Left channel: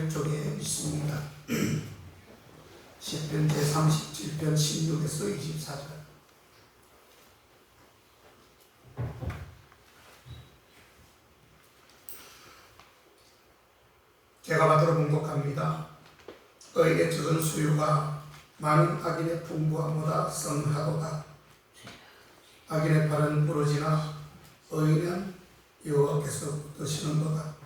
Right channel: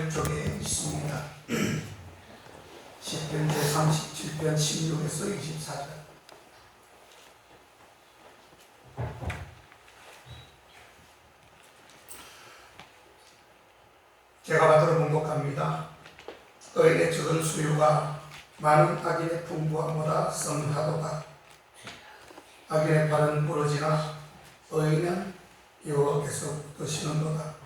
말씀을 쪽에 있습니다. 시편 제37편 16에서 24절. 제가 받들어 봉독합니다. 의인의 적은 수유가 많은 악인의 풍부함보다 선하도다. 악인의 발은 부러지나 의인은 여호와께서 붙드시는도다.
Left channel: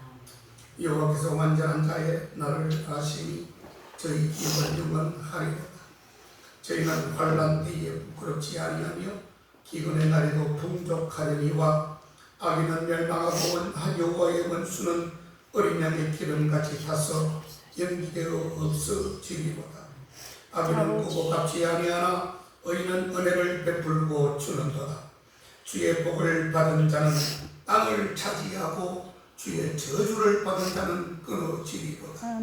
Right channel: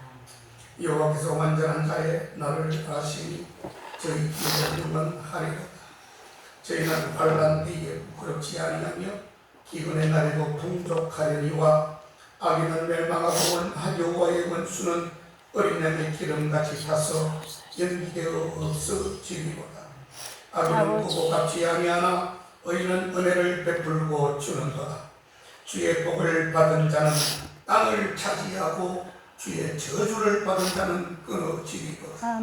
여호와께서 완전한 자의 나를 아시니 저희 길을 영원하리로다. 저희는 환난 뒤에 부끄럽지 아니하며 기근의 날에도 풍족하려니와 악인은 멸망하고 여호와의 원수는 어린 양의 기름같이 타서 연기되어 없어지리로다. 악인은 보고 갚지 아니하나 의인은 은혜를 베풀고 주는도다. 주의 복을 받은 자는 땅을 차지하고 주의 저주를 받은 자는 끊어지리로다.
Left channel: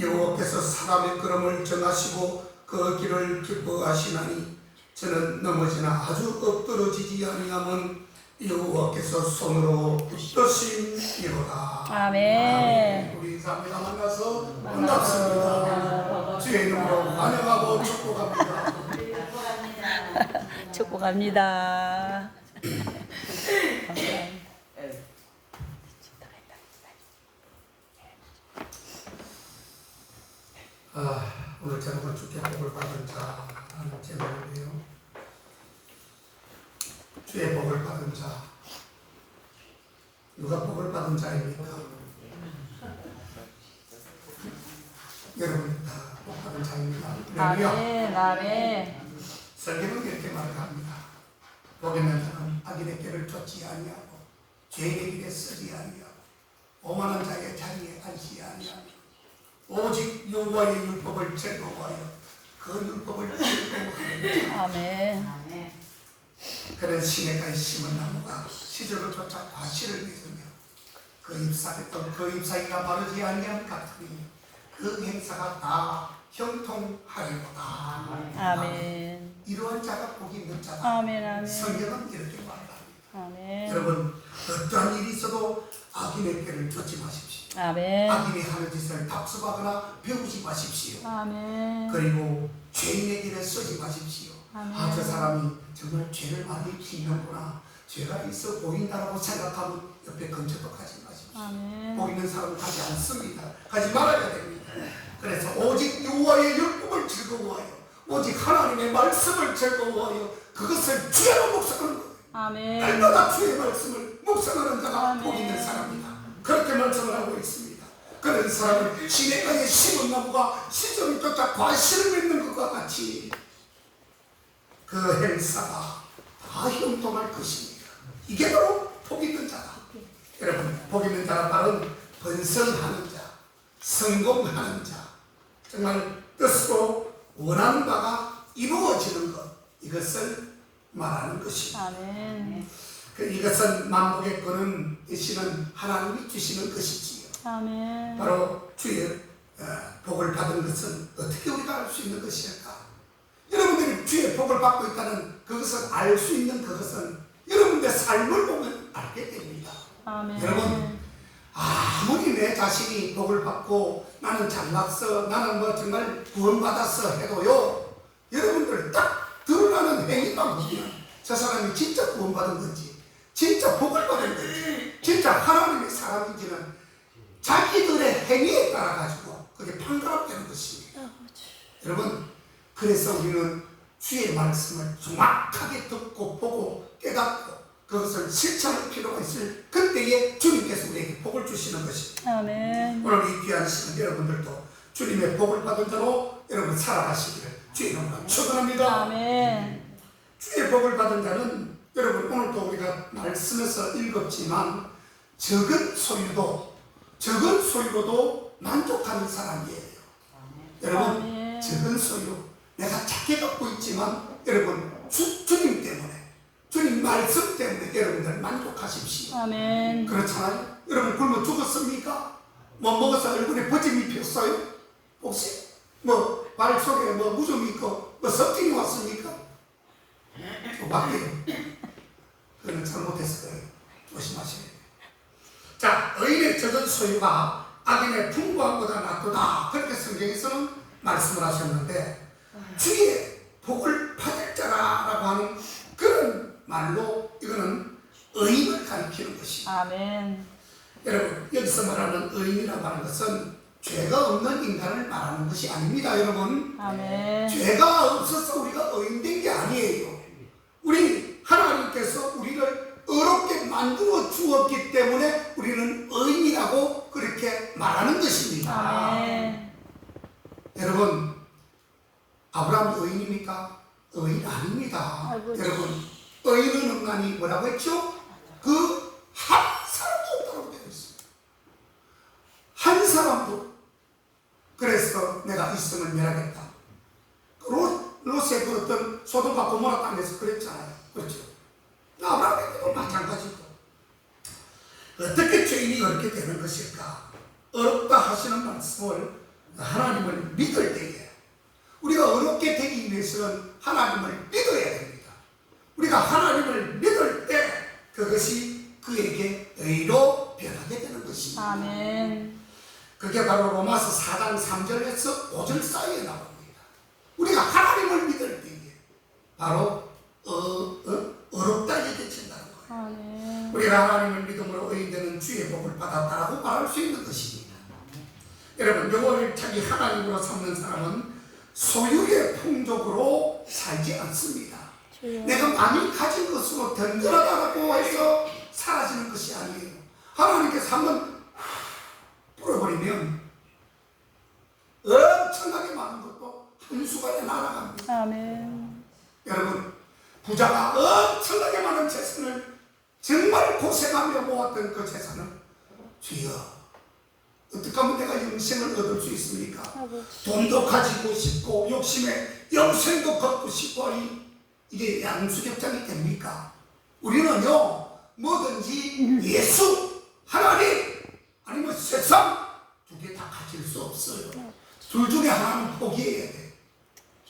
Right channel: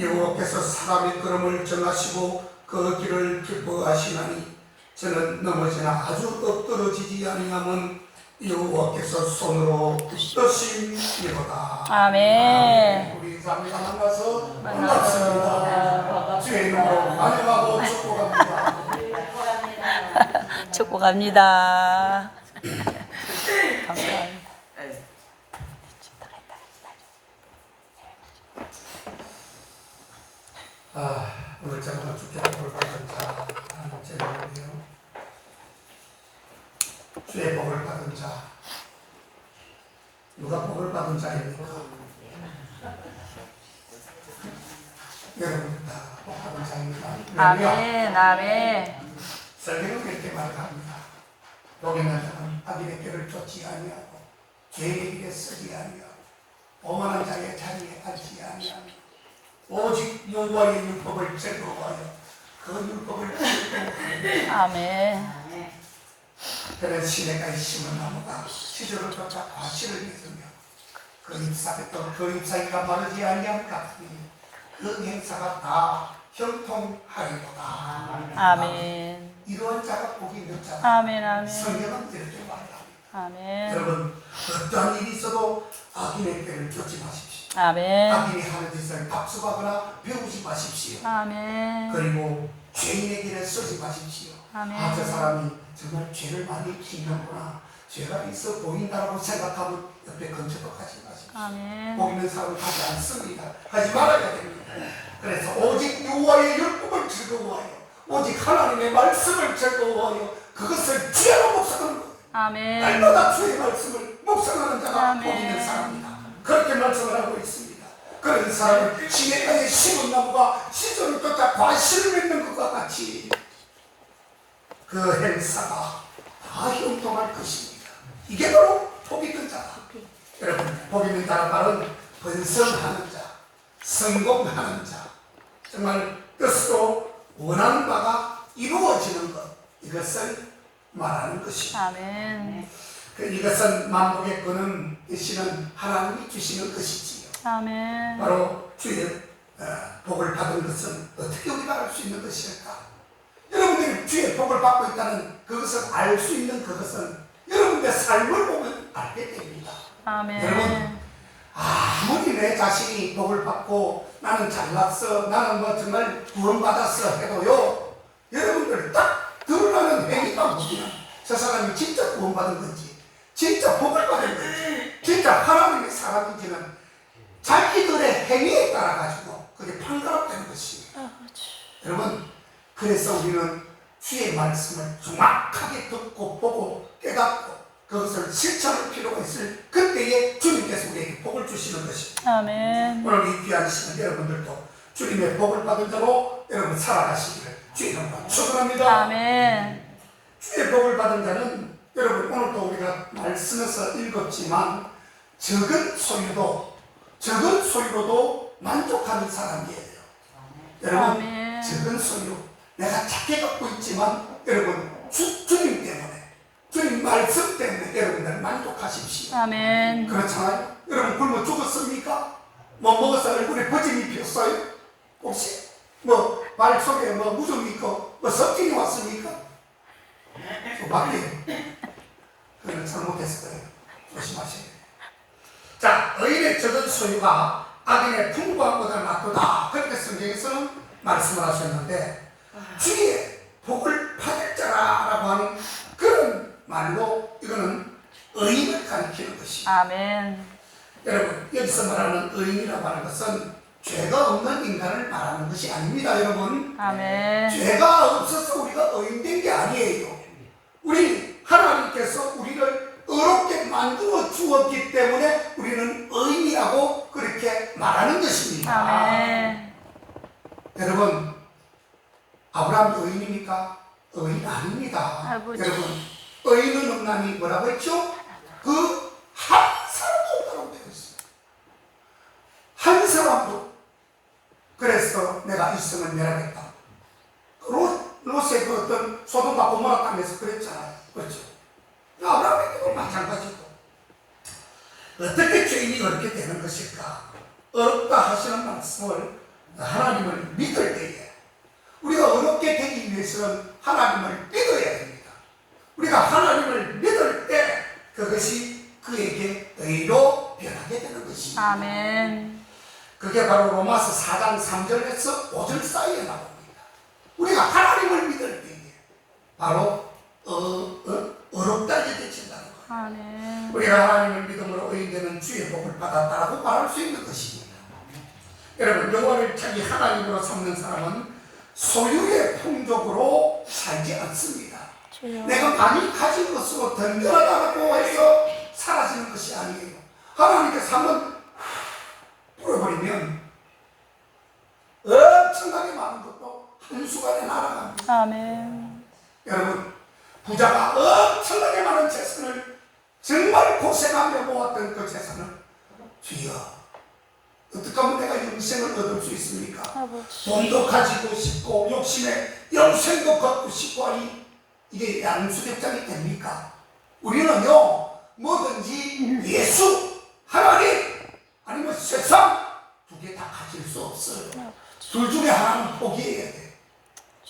여호와께서 사람의 걸음을 정하시고 그 길을 기뻐하시나니 저는 넘어지나 아주 엎드러지지 아니하면 여호와께서 손으로 붙드심이로다. 아멘. 우리 인사합니다. 만나서 반갑습니다. 주의 이름으로 환영하고 축복합니다. 축복합니다. 감사합니다. 오늘 제가 주께 복을 받은 자 하는 제목이에요. 주의 복을 받은 자. 누가 복을 받은 자입니까? 여러분 다 복 받은 자입니다. 아멘. 아멘. 설교는 이렇게 말합니다. 복이 난 자는 악인의 길을 쫓지 아니하고 죄의 길에 서지 아니하고 오만한 자의 자리에 앉지 아니하고 오직 여호와의 율법을 즐거워하여 그 율법을 즐거워하여 아멘. 그는 시내가에 심은 나무가 시절을 쫓아 과실을 맺으며 그 잎사귀가 마르지 아니함 같으니 그 행사가 다 형통하리로다. 아멘. 이러한 자가 복이 있는 자다. 아멘. 아멘. 성경은 이렇게 말합니다. 아멘. 여러분 어떠한 일이 있어도 악인의 길을 쫓지 마십시오. 아멘. 악인이 하는 짓을 답습하거나 배우지 마십시오. 아멘. 그리고 죄인의 길에 서지 마십시오. 아멘. 저 사람이 정말 죄를 많이 지는구나, 죄가 있어 보인다고 생각하면 옆에 근처도 가지 마십시오. 아멘. 보이는 사람은 가지 않습니다. 가지 말아야 됩니다. 그래서 오직 여호와의 율법을 즐거워하여 오직 하나님의 말씀을 즐거워하여 그것을 주야로 묵상하는 거예요. 아멘. 날마다 주의 말씀을 묵상하는 자가 아멘. 복 있는 사람이다. 그렇게 말씀을 하고 있습니다. 그런 사람은 시내가에 심은 나무가 시절을 쫓아 과실을 맺는 것과 같이 그 행사가 다 형통할 것입니다. 이게 바로 복 있는 자다. 여러분, 복 있는 자란 말은 번성하는 자, 성공하는 자, 정말 뜻으로 원하는 바가 이루어지는 것, 이것을 말하는 것입니다. 아멘. 이것은 만복의 끈은 되시는 하나님이 주시는 것이지요. 아멘. 바로 주의 복을 받은 것은 어떻게 우리가 알 수 있는 것일까? 여러분들이 주의 복을 받고 있다는 그것을 알 수 있는 그것은 여러분들의 삶을 보면 알게 됩니다. 아멘. 여러분, 아무리 내 자신이 복을 받고 나는 잘났어, 나는 뭐 정말 구원받았어 해도요, 여러분들 딱 드러나는 행위가 뭐냐? 저 사람이 진짜 구원받은 건지, 진짜 복을 받은 건지, 진짜 하나님의 사람인지는 자기들의 행위에 따라 가지고 그게 판가름되는 것입니다. 여러분, 그래서 우리는 주의 말씀을 정확하게 듣고 보고 깨닫고 그것을 실천할 필요가 있을 그때에 주님께서 우리에게 복을 주시는 것입니다. 아멘. 오늘 이 귀한 시간 여러분들도 주님의 복을 받은 자로 여러분 살아가시기를 주의 이름으로 축원합니다. 아멘. 주의 복을 받은 자는 여러분 오늘도 우리가 말씀에서 읽었지만 적은 소유로도 만족하는 사람이에요. 여러분, 아멘. 적은 소유, 내가 작게 갖고 있지만 여러분 주님 때문에, 주님 말씀 때문에 여러분들 만족하십시오. 아멘. 그렇잖아요. 여러분 굶어 죽었습니까? 뭐 먹어서 얼굴에 버짐이 폈어요? 혹시 뭐 발 속에 뭐 무좀이 있고 뭐 섭진이 왔습니까? 맞게요. 그건 잘못했을 거예요. 조심하셔야 돼요. 자, 의인의 적은 소유가 악인의 풍부함보다 낫도다. 그렇게 성경에서는 말씀을 하셨는데 주의 복을 받을 자라라고 하는 그런 말로 이거는 의인을 가리키는 것입니다. 아멘. 여러분 여기서 말하는 의인이라고 하는 것은 죄가 없는 인간을 말하는 것이 아닙니다. 여러분 아멘. 죄가 없어서 우리가 의인된 게 아니에요. 우리 하나님께서 우리를 의롭게 만들어 주었기 때문에 우리는 의인이라고 그렇게 말하는 것입니다. 아멘. 여러분 아브라함 의인입니까? 의인 아닙니다. 아버지. 여러분 의인은 없나니 뭐라고 했죠? 그 한 사람도 없다고 되어 있어요. 한 사람도. 그래서 내가 이 성을 멸하겠다. 롯의 그 어떤 소돔과 고모라 땅에서 그랬잖아요. 그렇죠? 아브라함에게도 마찬가지고. 어떻게 죄인이 어렵게 되는 것일까? 어렵다 하시는 말씀을 하나님을 믿을 때에 우리가 어렵게 되기 위해서는 하나님을 믿어야 됩니다. 우리가 하나님을 믿을 때 그것이 그에게 의로 변하게 되는 것입니다. 아멘. 그게 바로 로마서 4장 3절에서 5절 사이에 나옵니다. 우리가 하나님을 믿을 때에 바로 어렵다 여겨진다는 거예요. 아멘. 우리가 하나님을 믿음으로 의인되는 주의 복을 받았다라고 말할 수 있는 것입니다. 여러분 여호와를 자기 하나님으로 삼는 사람은 소유의 풍족으로 살지 않습니다. 주여. 내가 많이 가진 것으로 든든하다고 해서 사라지는 것이 아니에요. 하나님께서 한번 뿌려버리면 엄청나게 많은 것도 한순간에 날아갑니다. 아멘. 여러분 부자가 엄청나게 많은 재산을 정말 고생하며 모았던 그 재산을 주여 어떻게 하면 내가 영생을 얻을 수 있습니까? 아버지. 돈도 가지고 싶고 욕심에 영생도 갖고 싶고 하니 이게 양수ገብ장이 됩니까? 우리는요 뭐든지 예수, 하나님 아니면 세상 두 개 다 가질 수 없어요. 둘 중에 하나는 포기해야 돼.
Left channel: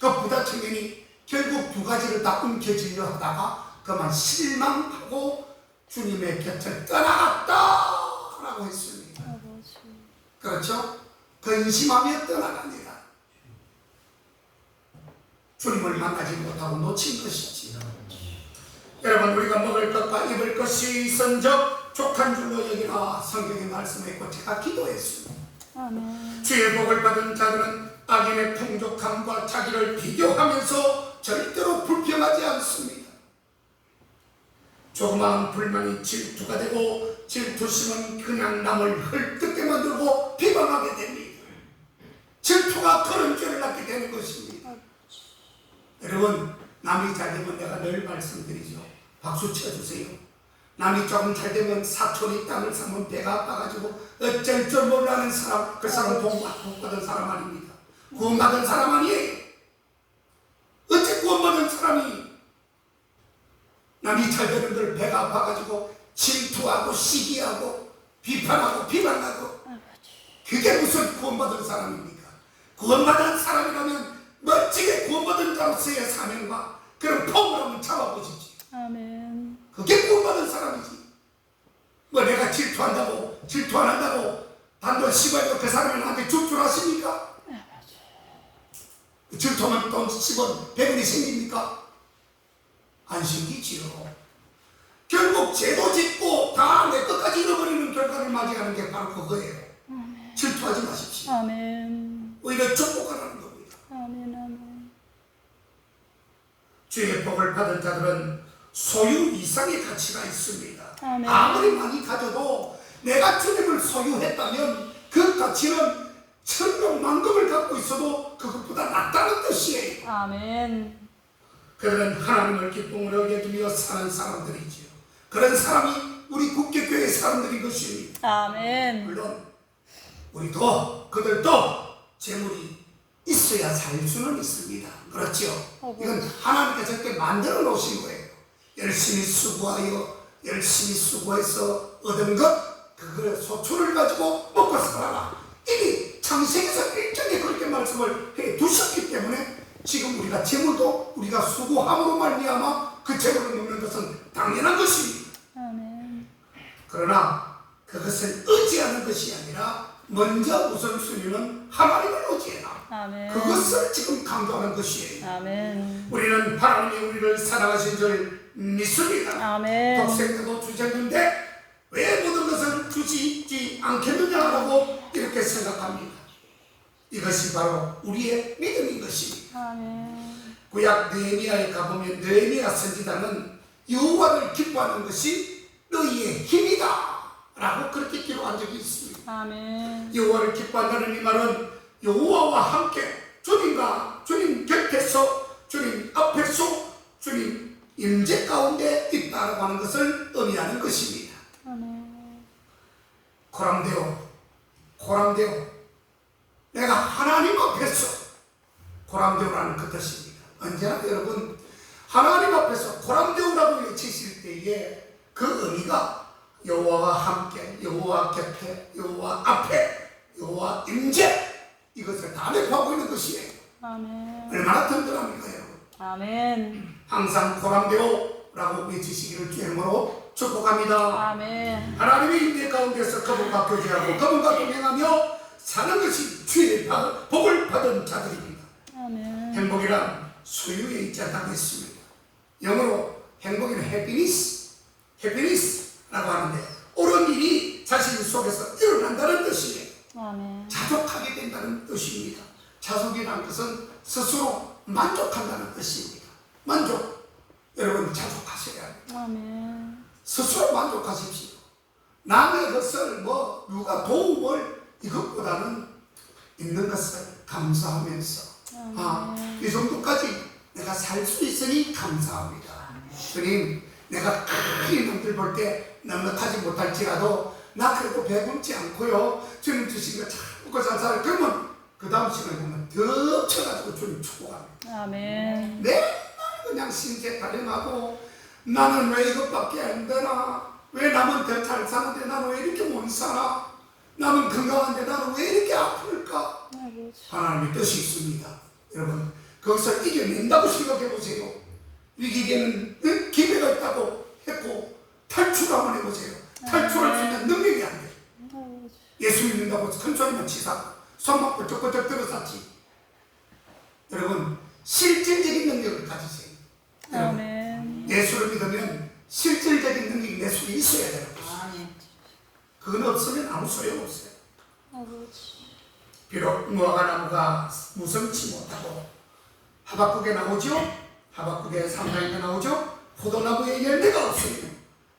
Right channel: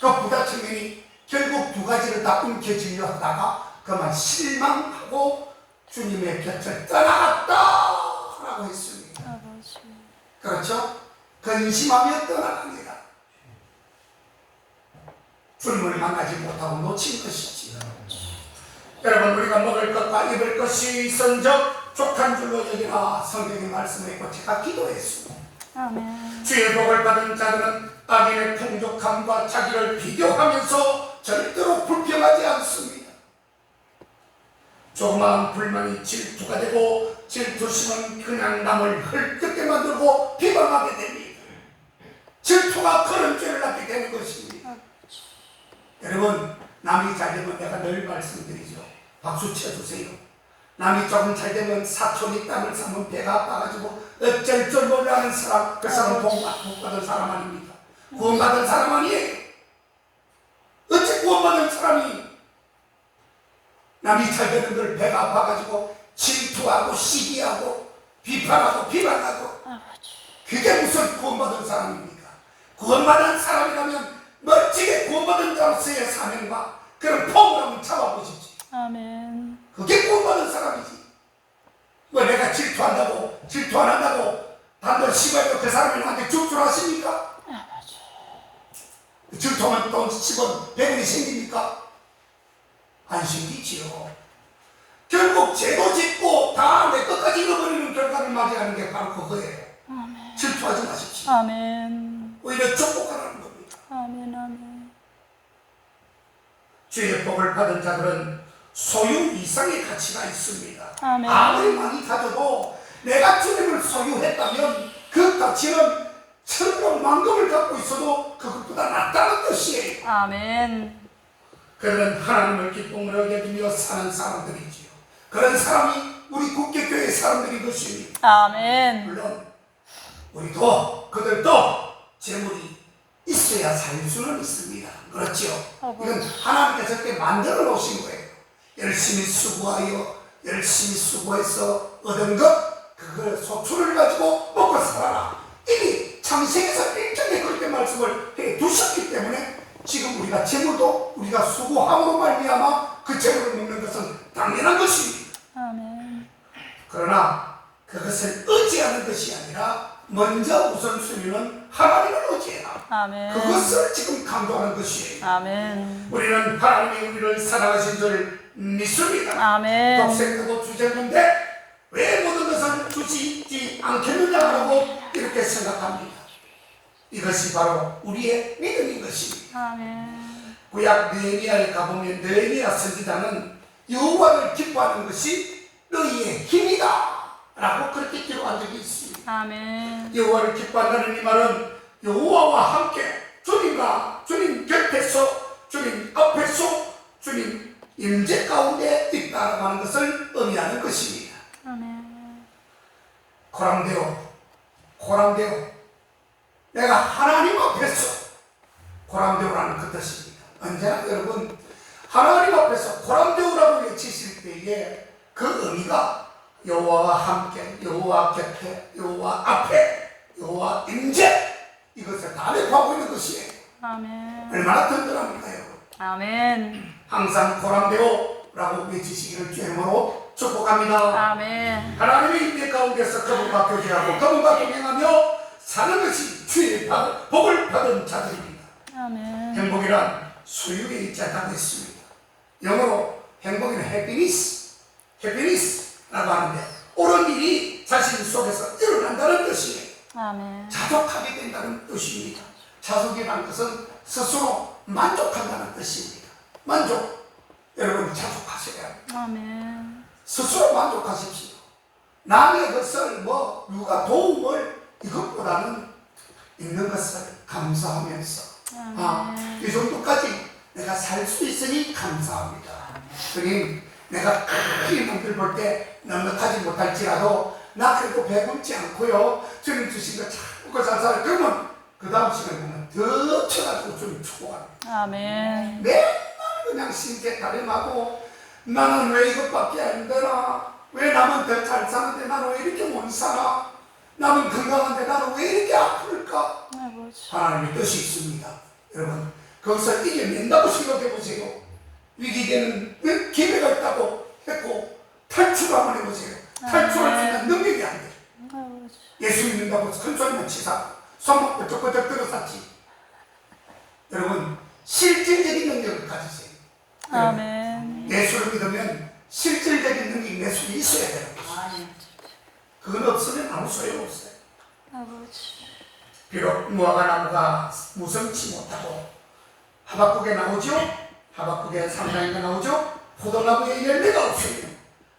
그 부자 청년이 결국 두 가지를 다 움켜쥐려 하다가 그만 실망하고 주님의 곁을 떠나갔다라고 했습니다. 아버지. 그렇죠? 근심하며 떠나갑니다. 주님을 만나지 못하고 놓친 것이지요. 여러분 우리가 먹을 것과 입을 것이 있은즉 족한 줄로 여기나 성경의 말씀에 있고 제가 기도했습니다. 아멘. 주의 복을 받은 자들은 악인의 풍족함과 자기를 비교하면서 절대로 불평하지 않습니다. 조그마한 불만이 질투가 되고 질투심은 그냥 남을 헐뜯게 만들고 비방하게 됩니다. 질투가 그런 죄를 낳게 되는 것입니다. 여러분 남이 잘 되면 내가 늘 말씀드리죠. 박수 쳐주세요. 남이 조금 잘 되면 사촌이 땅을 사면 배가 아파가지고 어쩔 줄 몰라하는 사람, 그 사람은 복받은 사람 아닙니까? 구원받은 사람 아니에요. 어째 구원받은 사람이 남이 잘 되는 걸 배가 아파가지고 질투하고 시기하고 비판하고 비방하고 그게 무슨 구원받은 사람입니까? 구원받은 사람이라면 멋지게 구원받은 자로서의 사명과 그런 폼을 한번 잡아보십시오. 아멘. 그게 구원받은 사람이지. 뭐 내가 질투 안 한다고 단돈 10원이고 그 사람이 나한테 죽줄하십니까? 질투하면 돈 10원, 100원이 생깁니까? 안 생기지요. 결국 죄도 짓고 다 내 것까지 잃어버리는 결과를 맞이하는 게 바로 그거예요. 아멘. 질투하지 마십시오. 아멘. 오히려 축복하라는 겁니다. 아멘. 아멘. 주의 복을 받은 자들은 소유 이상의 가치가 있습니다. 아멘. 아무리 많이 가져도 내가 주님을 소유했다면 그 가치는 천명만금을 갖고 있어도 그것보다 낫다는 뜻이에요. 아멘. 그런 하나님을 기쁨으로 여기며 사는 사람들이지요. 그런 사람이 우리 국교교회 사람들인 것입니다. 아멘. 물론 우리도 그들도 재물이 있어야 살 수는 있습니다. 그렇죠? 이건 하나님께서 그렇게 만들어 놓으신 거예요. 열심히 수고하여 열심히 수고해서 얻은 것 그걸 소출을 가지고 먹고 살아라. 이미 창세기에서 일정에 그렇게 말씀을 해 두셨기 때문에 지금 우리가 재물도 우리가 수고함으로 말미암아 그 재물을 먹는 것은 당연한 것입니다. 아멘. 그러나 그것을 의지하는 것이 아니라 먼저 우선순위는 하나님을 의지해라. 아멘. 그것을 지금 강조하는 것이에요. 아멘. 우리는 하나님이 우리를 사랑하신 줄 믿습니다. 아멘. 독생자도 주셨는데 왜 모든 것을 주시지 않겠느냐라고 이렇게 생각합니다. 이것이 바로 우리의 믿음인 것입니다. 아멘. 구약 느헤미야에 가보면 느헤미야 선지자는 여호와를 기뻐하는 것이 너희의 힘이다 라고 그렇게 기록한 적이 있습니다. 아멘. 여호와를 기뻐한다는 이 말은 여호와와 함께 주님과 주님 곁에서 주님 앞에서 주님 임재 가운데 있다라고 하는 것을 의미하는 것입니다. 아멘. 고람되어 내가 하나님 앞에서 고람되오라는 그 뜻입니다. 언제나 여러분 하나님 앞에서 고람되오라고 외치실 때에 그 의미가 여호와와 함께, 여호와 곁에, 여호와 앞에, 여호와 임재 이것을 다 내포하고 있는 것이에요. 아멘. 얼마나 든든합니까 여러분. 아멘. 항상 고람되오라고 외치시기를 주의 이름으로 축복합니다. 아멘. 하나님의 임재 가운데서 그분과 교제하고 그분과 동행하며 사는 것이 주의 복을 받은 자들입니다. 아멘. 행복이란 소유에 있지 않다고 했습니다. 영어로 행복은 해피니스라고 하는데 옳은 일이 자신 속에서 일어난다는 뜻이에요. 아멘. 자족하게 된다는 뜻입니다. 자족이라는 것은 스스로 만족한다는 뜻입니다. 만족. 여러분 자족하셔야 합니다. 아멘. 스스로 만족하십시오. 남의 것을 누가 도움을 이것보다는 있는 것을 감사하면서 이 정도까지 내가 살 수 있으니 감사합니다. 그님 내가 크게 남들 볼 때 넉넉하지 못할지라도 나 그래도 배불지 않고요. 주님 주신 거 잘 먹고 잘 살아. 그러면 그 다음 시간에 보면 더 쳐가지고 주님 축복합니다. 아멘. 맨날 그냥 신세 타령하고 나는 왜 이것밖에 안 되나? 왜 남은 더 잘 사는데 나는 왜 이렇게 못 살아? 남은 건강한데 나는 왜 이렇게 아플까? 아버지. 하나님의 뜻이 있습니다. 여러분 그것을 이겨낸다고 생각해 보세요. 위기되는 기회가 있다고 했고 탈출을 한번 해보세요. 탈출할 수 있는 능력이 안 돼요. 아버지. 예수 믿는다고 큰 소리만 치사 손만 끄적끄적 들어섰지. 여러분 실질적인 능력을 가지세요. 아멘. 예수를 믿으면 실질적인 능력이 내 속에 있어야 돼요. 그건 없으면 아무 소용없어요. 아버지. 비록 무화과 나무가 무성치 못하고 하박국에 나오죠. 하박국에 3장에 나오죠. 포도나무에 열매가 없으면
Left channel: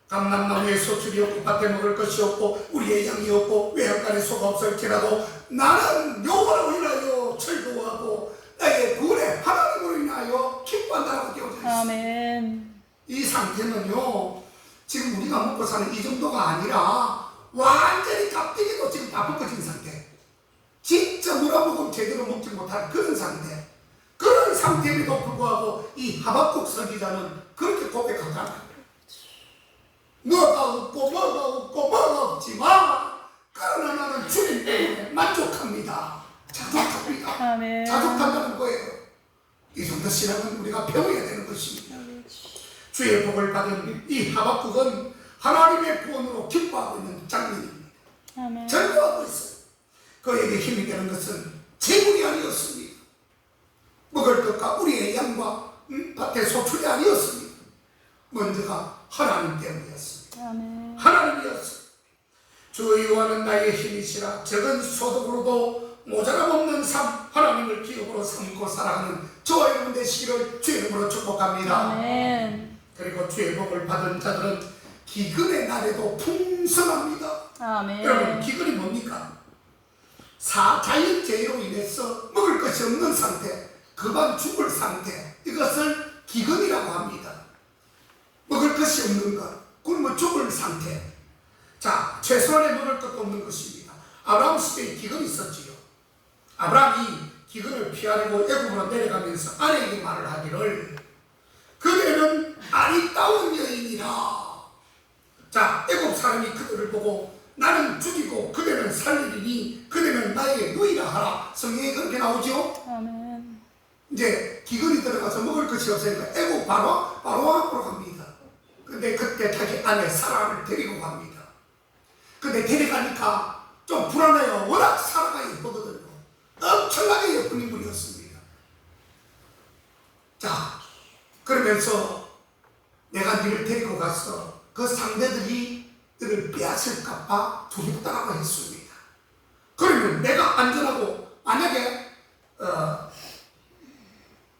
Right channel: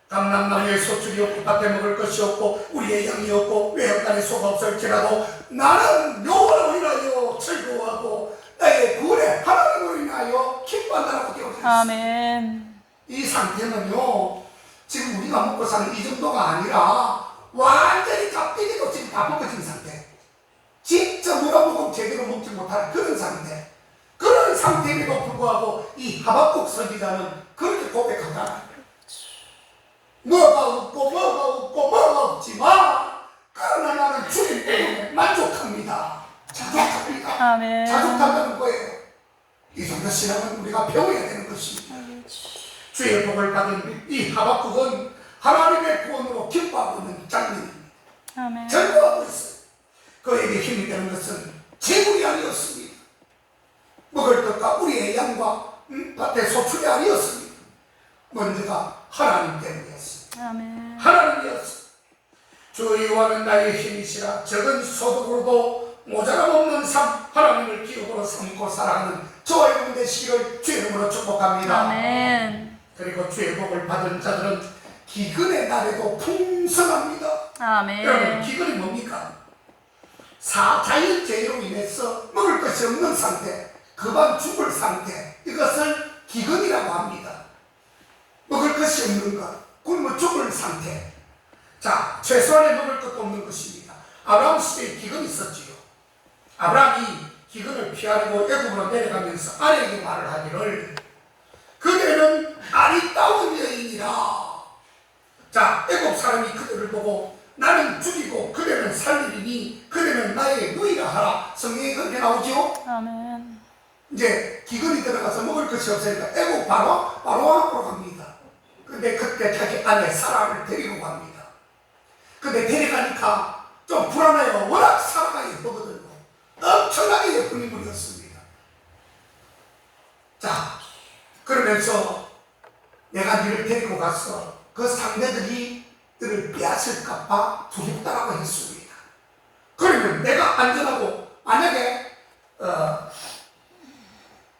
감람나무에 소출이 없고 밭에 먹을 것이 없고 우리의 양이 없고 외양간에 소가 없을지라도 나는 여호와로 인하여 즐거워하고 나의 구원의 하나님으로 인하여 기뻐한다라고 되어 있습니다. 아멘. 이 상태는요 지금 우리가 먹고 사는 이 정도가 아니라 완전히 깍두기도 지금 다 벗겨진 상태. 진짜 누가 먹으면 제대로 먹지 못하는 그런 상태. 그런 상태에도 불구하고 이 하박국 선지자는 그렇게 고백하잖아요. 뭐가 없지만 그러나 나는 주님 때문에 만족합니다. 자족합니다. 아멘. 자족한다는 거예요. 이 정도 신앙은 우리가 배워야 되는 것입니다. 주의 복을 받은 이 하박국은 하나님의 구원으로 기뻐하고 있는 장면입니다. 아멘. 즐거워하고 있어요. 그에게 힘이 되는 것은 재물이 아니었습니다. 먹을 것과 우리의 양과 밭의 소출이 아니었습니다. 먼저가 하나님 때문이었습니다. 아멘. 하나님이었어요. 주 여호와는 나의 힘이시라. 적은 소득으로도 모자람 없는 삶, 하나님을 기업으로 삼고 살아가는 저와 여러분 되시기를 주의 이름으로 축복합니다. 아멘. 그리고 주의 복을 받은 자들은 기근의 날에도 풍성합니다. 아멘. 여러분 기근이 뭡니까? 자연재해로 인해서 먹을 것이 없는 상태, 그만 죽을 상태, 이것을 기근이라고 합니다. 먹을 것이 없는 것, 굶어 죽을 상태. 자, 최소한의 먹을 것도 없는 것입니다. 아브라함 시대에 기근이 있었지요. 아브라함이 기근을 피하려고 애굽으로 내려가면서 아내에게 말을 하기를 그대는 아리따운 여인이라. 자, 애굽 사람이 그들을 보고 나는 죽이고 그대는 살리리니 그대는 나의 누이라 하라. 성경에 그렇게 나오죠. 아멘. 이제 기근이 들어가서 먹을 것이 없으니까 애국 바로 앞으로 갑니다. 근데 그때 자기 아내 사라를 데리고 갑니다. 근데 데려가니까 좀 불안해요. 워낙 사라가 예쁘거든요. 엄청나게 예쁜 인물이었습니다. 자, 그러면서 내가 니를 데리고 가서 그 상대들이 너를 빼앗을까봐 두렵다라고 했습니다. 그러면 내가 안전하고 만약에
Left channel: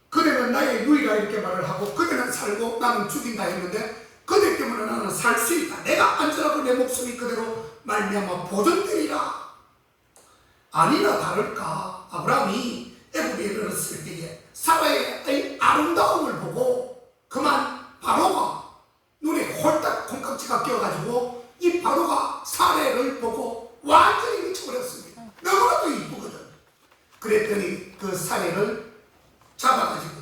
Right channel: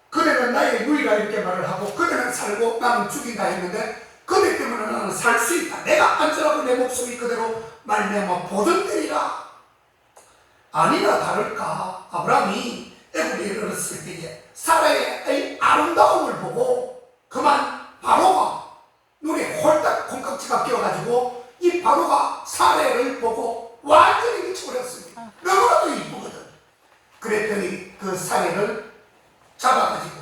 그대는 나의 누이라 이렇게 말을 하고 그대는 살고 나는 죽인다 했는데 그대 때문에 나는 살 수 있다. 내가 안전하고 내 목숨이 그대로 말미암아 보존되리라. 아니나 다를까 아브라함이 애굽에 이르렀을 때에 사라의 아름다움을 보고 그만 바로가 눈에 홀딱 콩깍지가 끼어가지고 이 바로가 사라를 보고 완전히 미쳐버렸습니다. 너무나도 이쁘거든. 그랬더니 그 사라를 잡아가지고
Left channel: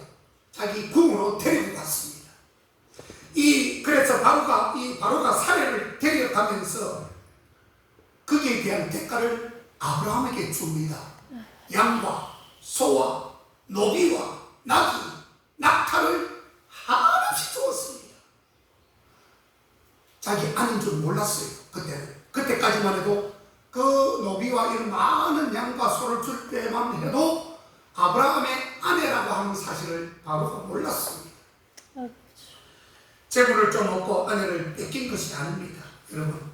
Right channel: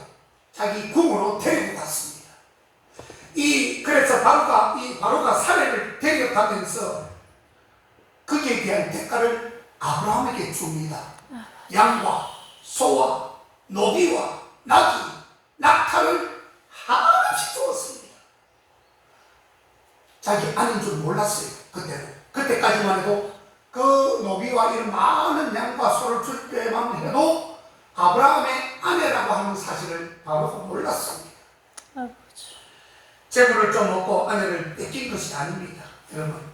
자기 궁으로 데리고 갔습니다. 그래서 바로가 사례를 데려가면서 거기에 대한 대가를 아브라함에게 줍니다. 양과 소와 노비와 나귀, 낙타를 하나씩 주었습니다. 자기 아닌 줄 몰랐어요. 그때까지만 해도 그 노비와 이런 많은 양과 소를 줄 때만 해도 아브라함의 아내라고 하는 사실을 바로가 몰랐습니다. 재물을 좀 먹고 아내를 뺏긴 것이 아닙니다. 여러분,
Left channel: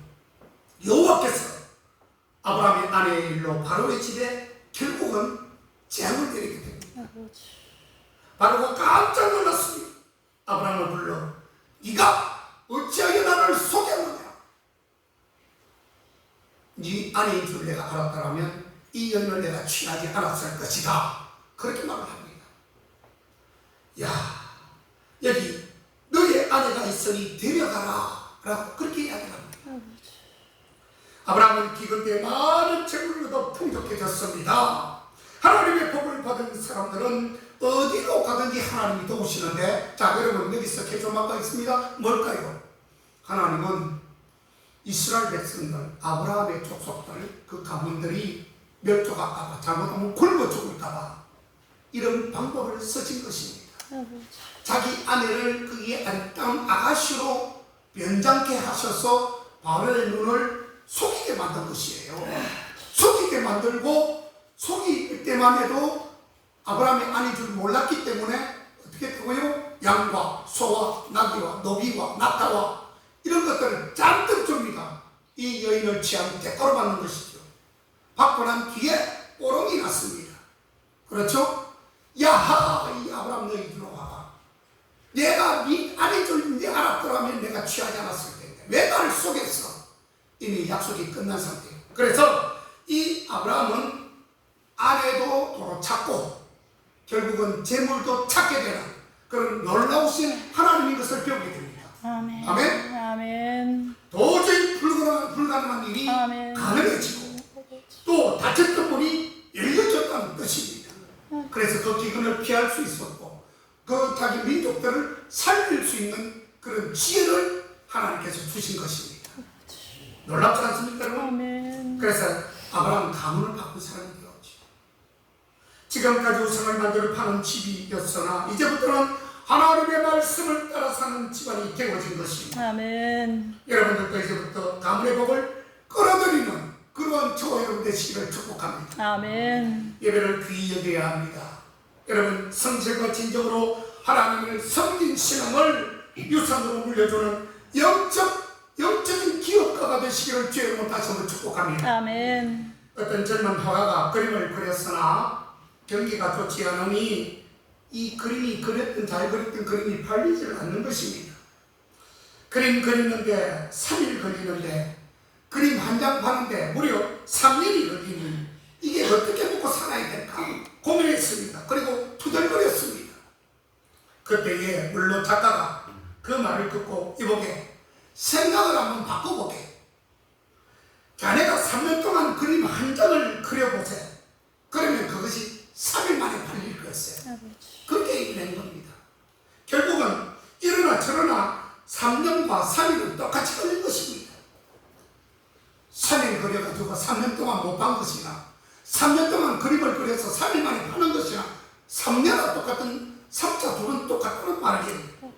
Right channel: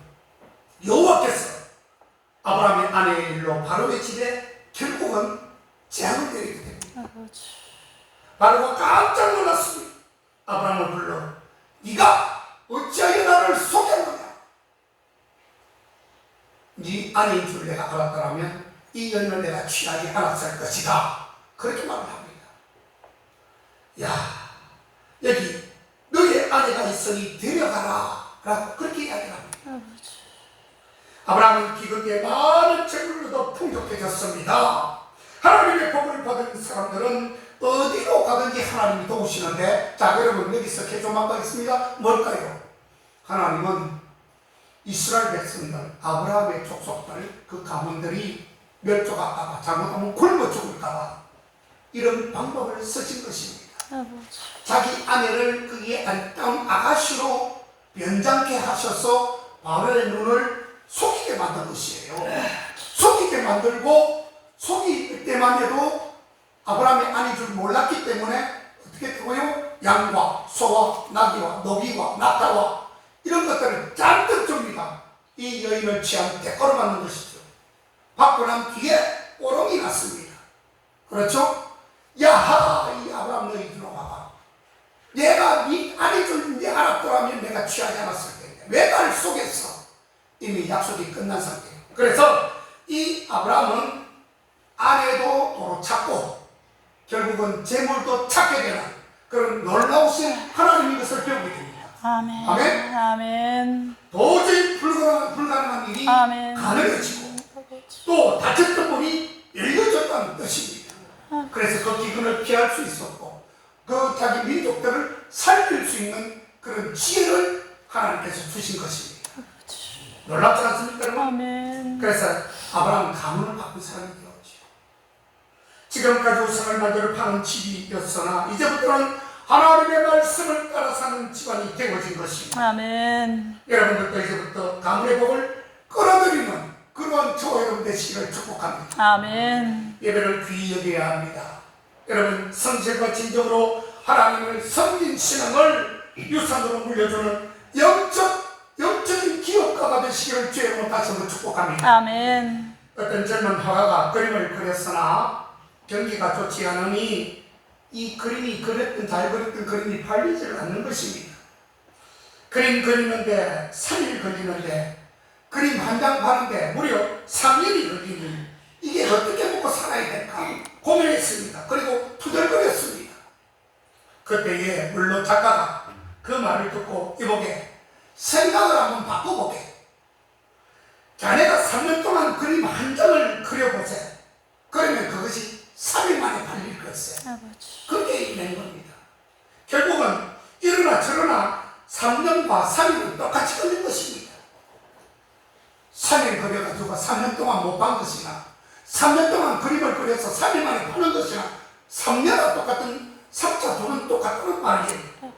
여호와께서 아브라함의 아내의 일로 바로의 집에 결국은 재앙을 내리게 됩니다. 바로가 깜짝 놀랐습니다. 아브라함을 불러 네가 어찌하여 나를 속였느냐? 네 아내인 줄 내가 알았더라면 이 여인을 내가 취하지 않았을 것이다. 그렇게 말을 합니다. 야, 여기 너의 아내가 있으니 데려가라 라고 그렇게 이야기를 합니다. 아브라함은 기근때 많은 재물로도 풍족해졌습니다. 하나님의 복을 받은 사람들은 어디로 가든지 하나님이 도우시는데, 자, 여러분 여기서 개조만 가겠습니다. 뭘까요? 하나님은 이스라엘 백성들, 아브라함의 족속들, 그 가문들이 멸종할까봐, 잘못하면 굶어 죽을까봐 이런 방법을 쓰신 것입니다. 자기 아내를 그의 아름다운 아가씨로 변장케 하셔서 바로의 눈을 속이게 만든 것이에요. 속이게 만들고 속일 때만 해도 아브라함의 아내인 줄 몰랐기 때문에 어떻게 되고요? 양과 소와 나귀와 노비와 낙타와 이런 것들을 잔뜩 줍니다. 이 여인을 취한 대가로 받는 것이죠. 받고 난 뒤에 오롱이 났습니다. 그렇죠? 야하, 이 아브라함 너희 들어와봐. 내가 네 아내인 줄 네 알았더라면 내가 취하지 않았을 텐데 왜 나를 속였어? 이미 약속이 끝난 상태예요. 그래서 이 아브라함은 아내도 도로 찾고 결국은 재물도 찾게 되는 그런 놀라우신 하나님의 것을 배우게 됩니다. 아멘. 아멘. 아멘. 도저히 불가능한 일이 아멘. 가능해지고 또 닫혔던 문이 열려졌다는 뜻입니다. 그래서 그 기근을 피할 수 있었고 그 자기 민족들을 살릴 수 있는 그런 지혜를 하나님께서 주신 것입니다. 놀랍지 않습니까, 여러분? 아멘. 그래서 아브라함은 가문을 바꾼 사람이 되었죠. 지금까지 우상을 만들어 파는 집이었으나 이제부터는 하나님의 말씀을 따라 사는 집안이 되어진 것입니다. 아멘. 여러분들도 이제부터 가문의 복을 끌어들이는 그런 저와 여러분 되시기를 축복합니다. 아멘. 예배를 귀히 여겨야 합니다. 여러분, 성실과 진정으로 하나님을 섬긴 신앙을 유산으로 물려주는 영적인 기업가가 되시기를 주의 이름으로 다시 한번 축복합니다. 아멘. 어떤 젊은 화가가 그림을 그렸으나 경기가 좋지 않으니 이 그림이 잘 그렸던 그림이 팔리지 않는 것입니다. 그림 그리는데 3일 걸리는데 그림 한 장 파는데 무려 3년이 걸리니 이게 어떻게 먹고 살아야 될까 고민했습니다. 그리고 투덜거렸습니다. 그때에 물론 작가가 그 말을 듣고 이보게 생각을 한번 바꿔보게. 자네가 3년 동안 그림 한 장을 그려보세. 그러면 그것이 3일 만에 팔릴 것세. 그렇게 얘기하는 겁니다. 결국은 이러나 저러나 3년과 3일은 똑같이 걸린 것입니다. 3일 그려가지고 3년 동안 못 판 것이나 3년 동안 그림을 그려서 3일 만에 파는 것이나 3년과 똑같은 3차 둘은 똑같다는 말이에요.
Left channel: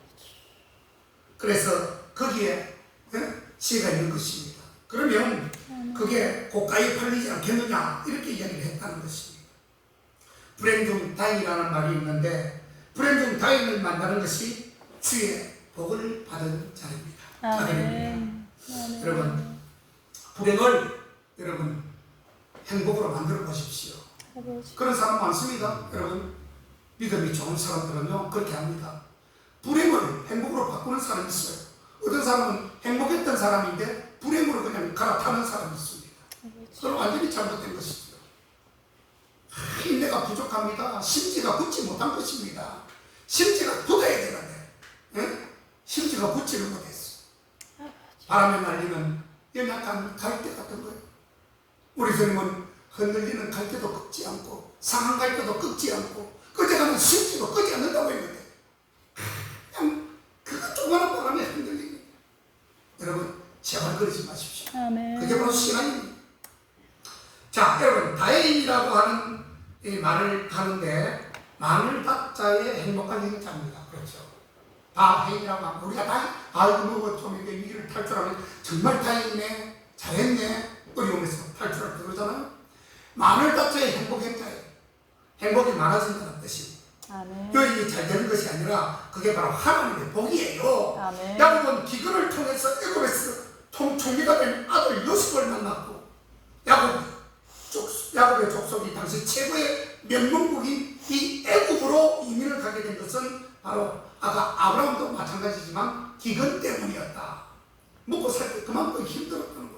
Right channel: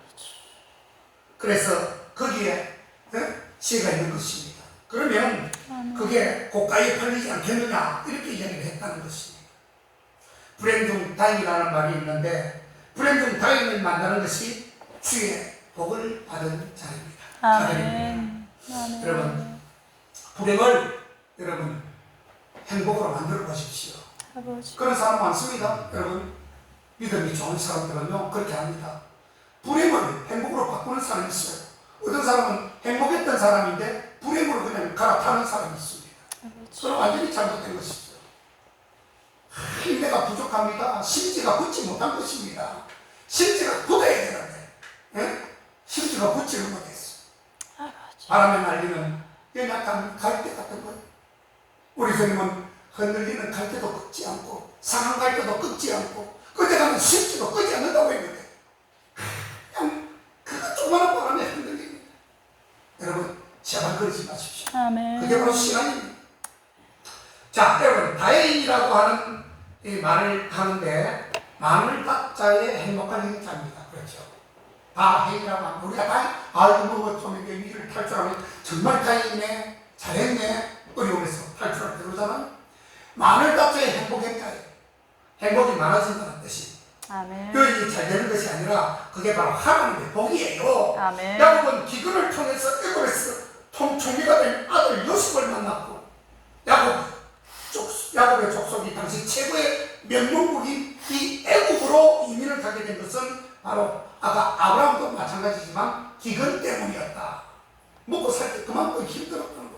그래서 거기에 지혜가 있는 것입니다. 그러면 그게 고가에 팔리지 않겠느냐 이렇게 이야기를 했다는 것입니다. 불행 다행이라는 말이 있는데 불행 다행을 만나는 것이 주의 복을 받은 자입니다. 아멘. 아멘. 여러분 불행을 여러분 행복으로 만들어 보십시오. 아버지. 그런 사람 많습니다. 여러분 믿음이 좋은 사람들은요 그렇게 합니다. 불행을 행복으로 바꾸는 사람이 있어요. 어떤 사람은 행복했던 사람인데 불행으로 그냥 갈아타는 사람이 있습니다. 아버지. 그건 완전히 잘못된 것이죠. 힘내가 부족합니다. 심지가 굳지 못한 것입니다. 심지가 굳어야 되는데 예? 심지가 굳지를 못했어. 아버지. 바람에 날리는 연약한 갈대 같은 거예요. 우리 주님은 흔들리는 갈대도 꺾지 않고 상한 갈대도 꺾지 않고 끄져가는 심지도 끄지 않는다고 했는데 그냥 그거 조그마한 바람에 흔들립니다. 여러분 제발 그러지 마십시오. 아멘. 그게 바로 시간입니다. 자, 여러분 다행이라고 하는 이 말을 하는데 나눌 각자의 행복한 행자입니다. 그렇죠. 다행이라고 하면 우리가 다행, 아이고 뭐좀 이게 위기를 탈출하면 정말 다행이네, 잘했네, 어려움에서 탈출할 때 그러잖아요. 나눌 각자의 행복 행자예요. 행복이 많아진다는 뜻이. 아멘. 여기 잘 되는 것이 아니라 그게 바로 하나님의 복이에요. 아멘. 야곱은 기근을 통해서 애굽에서 총리가 된 아들 요셉을 만났고 야곱의 족속이 당시 최고의 명문국인 이 애굽으로 이민을 가게 된 것은 바로 아까 아브라함도 마찬가지지만 기근 때문이었다. 먹고 살 때 그만큼 힘들었던 거예요.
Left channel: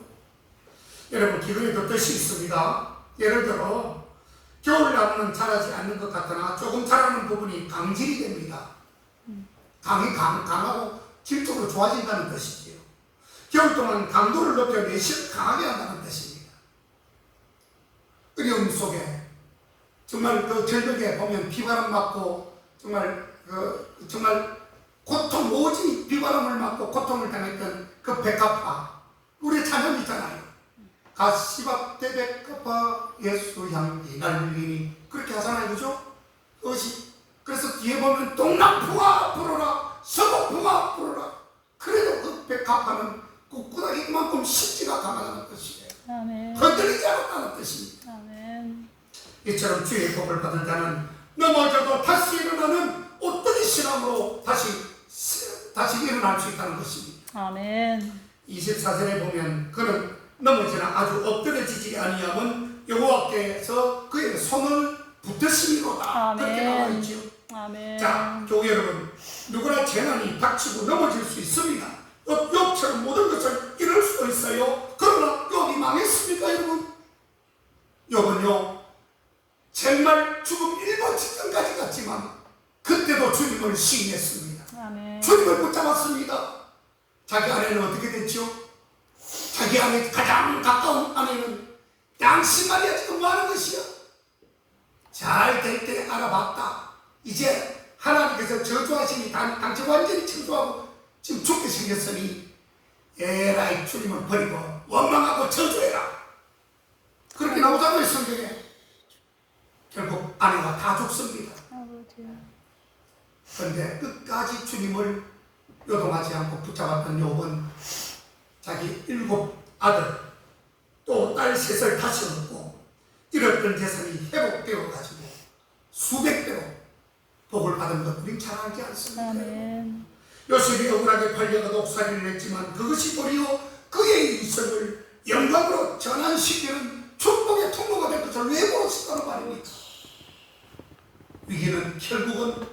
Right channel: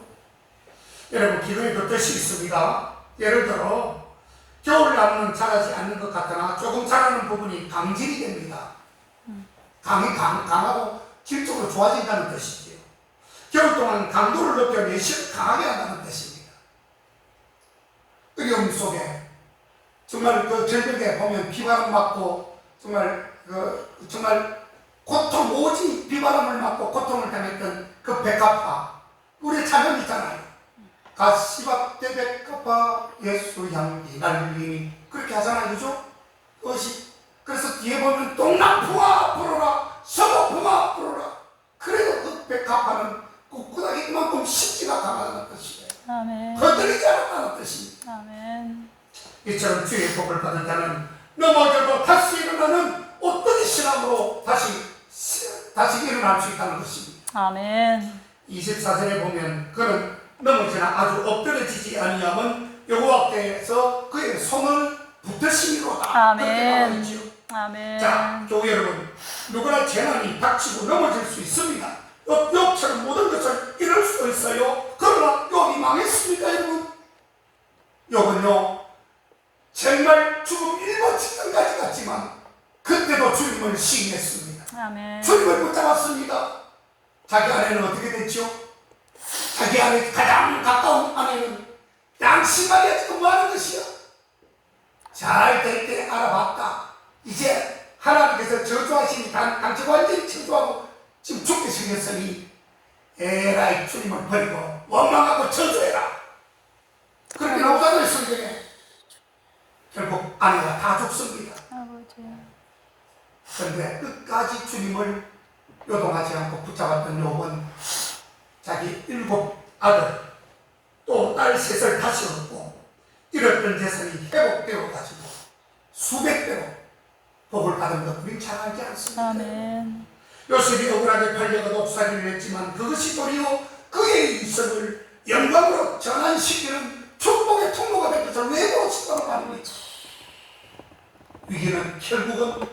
여러분 기근에도 뜻이 있습니다. 예를 들어 겨울나무는 자라지 않는 것 같으나 조금 자라는 부분이 강질이 됩니다. 강하고 질적으로 좋아진다는 뜻이지요. 겨울 동안 강도를 높여 내실을 강하게 한다는 뜻입니다. 어려움 속에 정말 그 절벽에 보면 비바람 맞고 정말 고통 오직 비바람을 맞고 고통을 당했던 그 백합화 우리 찬양 있잖아요. 가시밭대 백합화 예수 향기 날리니 그렇게 하잖아요. 그죠? 그것이 그래서 뒤에 보면 동남풍아 불어라 서북풍아 불어라. 그래도 그 백합화는 꿋꿋하게 그만큼 심지가 강하다는 뜻이에요. 아멘. 흔들리지 않았다는 뜻입니다. 아멘. 이처럼 주의 복을 받은 자는 넘어져도 다시 일어나는 어떤 신앙으로 다시 일어날 수 있다는 것입니다. 아멘. 24절에 보면 그는 넘어지나 아주 엎드려지지 아니하면 여호와께서 그의 손을 붙드시리로다. 아멘. 그렇게 나와 있지요. 아멘. 자, 교회 여러분, 누구나 재난이 닥치고 넘어질 수 있습니다. 욥처럼 모든 것을 잃을 수도 있어요. 그러나 욥이 망했습니까, 여러분? 욥은요, 정말 죽음 일본 직전까지 갔지만 그때도 주님을 시인했습니다. 아멘. 주님을 붙잡았습니다. 자기 아내는 어떻게 됐죠? 자기 아내 가장 가까운 아내는 양심만이 지금 뭐하는 것이야? 잘 될 때 알아봤다. 이제 하나님께서 저주하시니 당신 완전히 저주하고 지금 죽게 생겼으니 에라이 주님을 버리고 원망하고 저주해라. 그렇게 나오잖아요 성경에. 결국 아내가 다 죽습니다. 아버지. 그런데 끝까지 주님을 요동하지 않고 붙잡았던 욥은 자기 7 아들 또 딸 3을 다시 얻고 잃었던 재산이 회복되어 가지고 수백 배로 복을 받은 것 우린 잘 알지 않습니까? 아멘. 요셉이 억울하게 팔려가 독살이를 했지만 그것이 도리어 그의 인생을 영광으로 전환시키는 축복의 통로가 된 것을 외모로 싶다는 말입니다. 위기는 결국은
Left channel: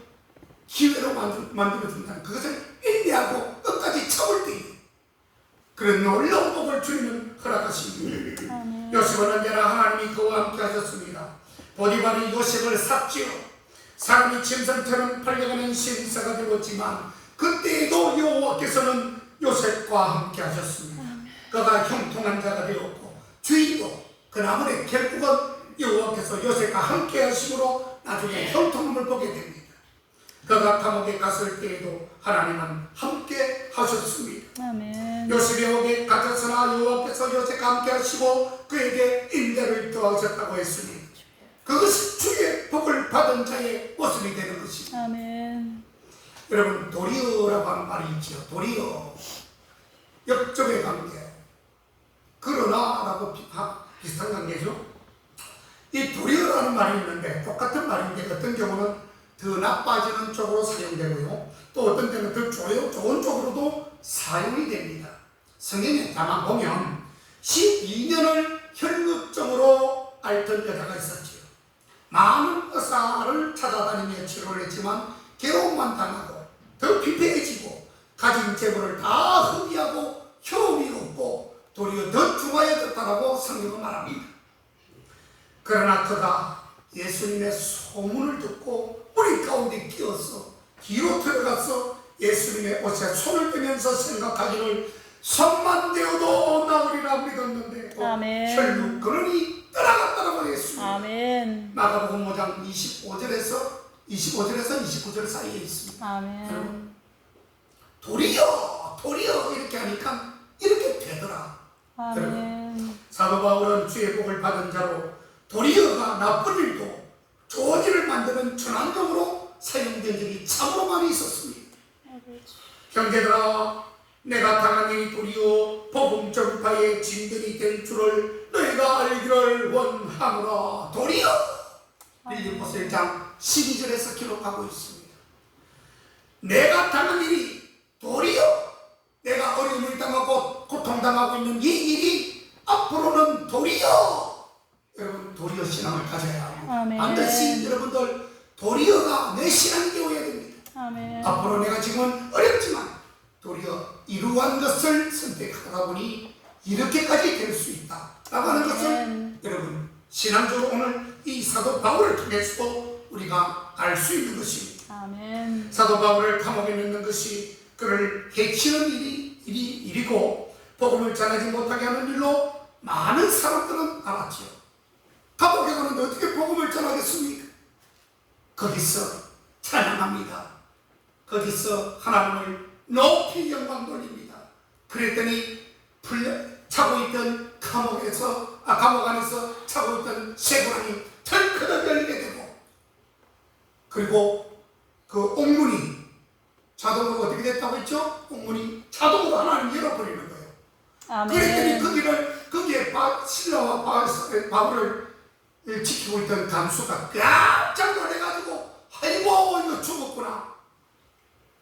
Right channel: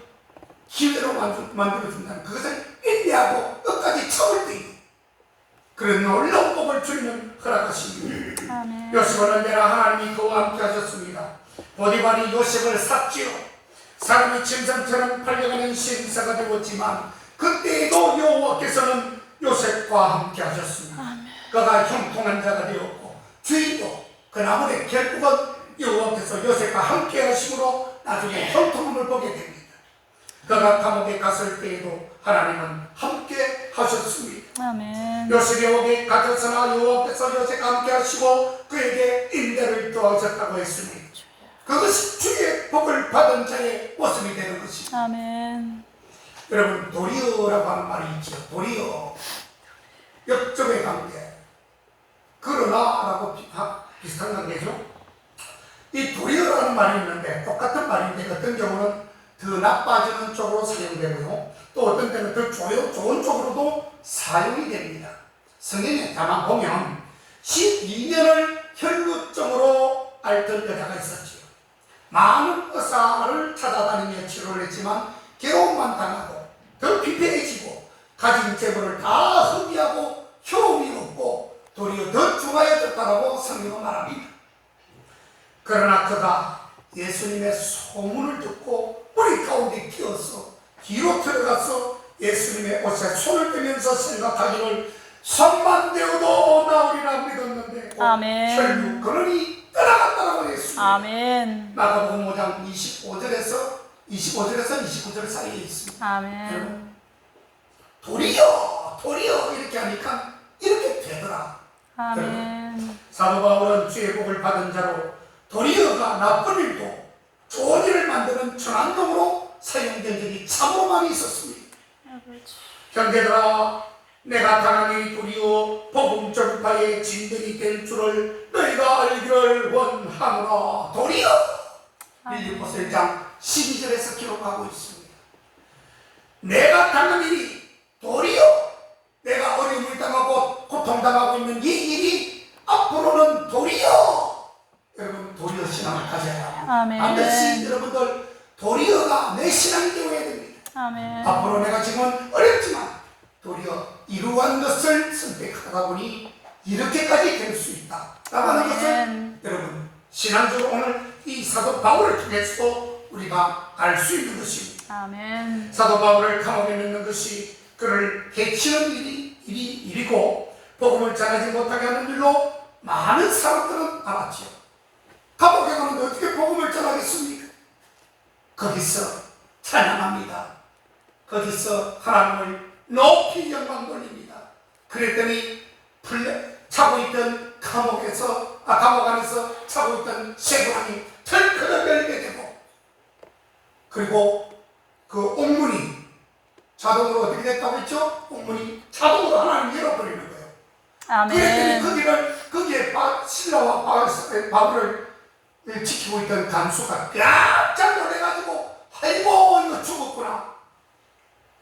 기회로 만들어준다는 그것을 인내하고 끝까지 참을 때 그런 놀라운 복을 주님은 허락하십니다. 아멘. 요셉은 언제나 하나님이 그와 함께 하셨습니다. 보디발이 요셉을 샀지요. 사람이 짐승처럼 팔려가는 신사가 되었지만 그때에도 여호와께서는 요셉과 함께 하셨습니다. 그가 형통한 자가 되었고 주인도 그 나물의 결국은 여호와께서 요셉과 함께 하심으로 나중에 형통함을 보게 됩니다. 그가 감옥에 갔을 때에도 하나님은 함께 하셨습니다. 아멘. 요셉이 옥에 갇혔으나 여호와께서 요셉과 함께 하시고 그에게 인내를 더하셨다고 했으니 그것이 주의 복을 받은 자의 모습이 되는 것입니다. 아멘. 여러분 도리어라고 하는 말이 있죠. 도리어 역적의 관계. 그러나라고 비슷한 관계죠. 이 도리어라는 말이 있는데 똑같은 말인데 어떤 경우는 더 나빠지는 쪽으로 사용되고요. 또 어떤 때는 더 좋은 쪽으로도 사용이 됩니다. 성경에 다만 보면 12년을 혈루증으로 앓던 여자가 있었지요. 많은 의사를 찾아다니며 치료를 했지만 괴로움만 당하고 더 피폐해지고 가진 재물을 다 허비하고 효험이 없고 도리어 더 중하여졌다라고 성경은 말합니다. 그러나 그가 예수님의 소문을 듣고 우리 가운데 끼어서 뒤로 들어가서 예수님의 옷에 손을 대면서 생각하기를 손만 대어도 나으리라 믿었는데 아멘. 혈육 그러니 떠나갔다라고 했습니다. 아멘. 마가복음 5장 25절에서 29절 사이에 있습니다. 아멘. 도리어 이렇게 하니까 이렇게 되더라. 아멘. 사도 바울은 주의 복을 받은 자로 도리어가 나쁜 일도 좋은 일을 만드는 전환경으로 사용된 적이 참으로 많이 있었습니다. 아버지. 형제들아, 내가 당한 일이 도리어 복음 전파의 진전이 될 줄을 너희가 알기를 원하노라. 도리어 빌립보서 1장 12절에서 기록하고 있습니다. 내가 당한 일이 도리어 내가 어려움을 당하고 고통당하고 있는 이 일이 앞으로는 도리어 여러분 도리어 신앙을 가져야 합니다. 아멘. 반드시 여러분들 도리어가 내 신앙이 되어야 됩니다. 아멘. 앞으로 내가 지금은 어렵지만 도리어 이루한 것을 선택하다 보니 이렇게까지 될 수 있다 라는 것을 여러분 신앙적으로 오늘 이 사도 바울을 통해서도 우리가 알 수 있는 것입니다. 아멘. 사도 바울을 감옥에 넣는 것이 그를 해치는 일이고 복음을 전하지 못하게 하는 일로 많은 사람들은 알았죠. 감옥에 가는데 어떻게 복음을 전하겠습니까? 거기서 찬양합니다. 거기서 하나님을 높이 영광 돌립니다. 그랬더니 차고 있던 감옥 안에서 차고 있던 쇠고랑이 털커덕 열리게 되고 그리고 그 옥문이 자동으로 어떻게 됐다고 했죠? 옥문이 자동으로 하나님 열어버리는 거예요. 아멘. 그랬더니 거기에 신라와 바울을 지키고 있던 간수가 깜짝 놀래가지고 아이고 이거 죽었구나.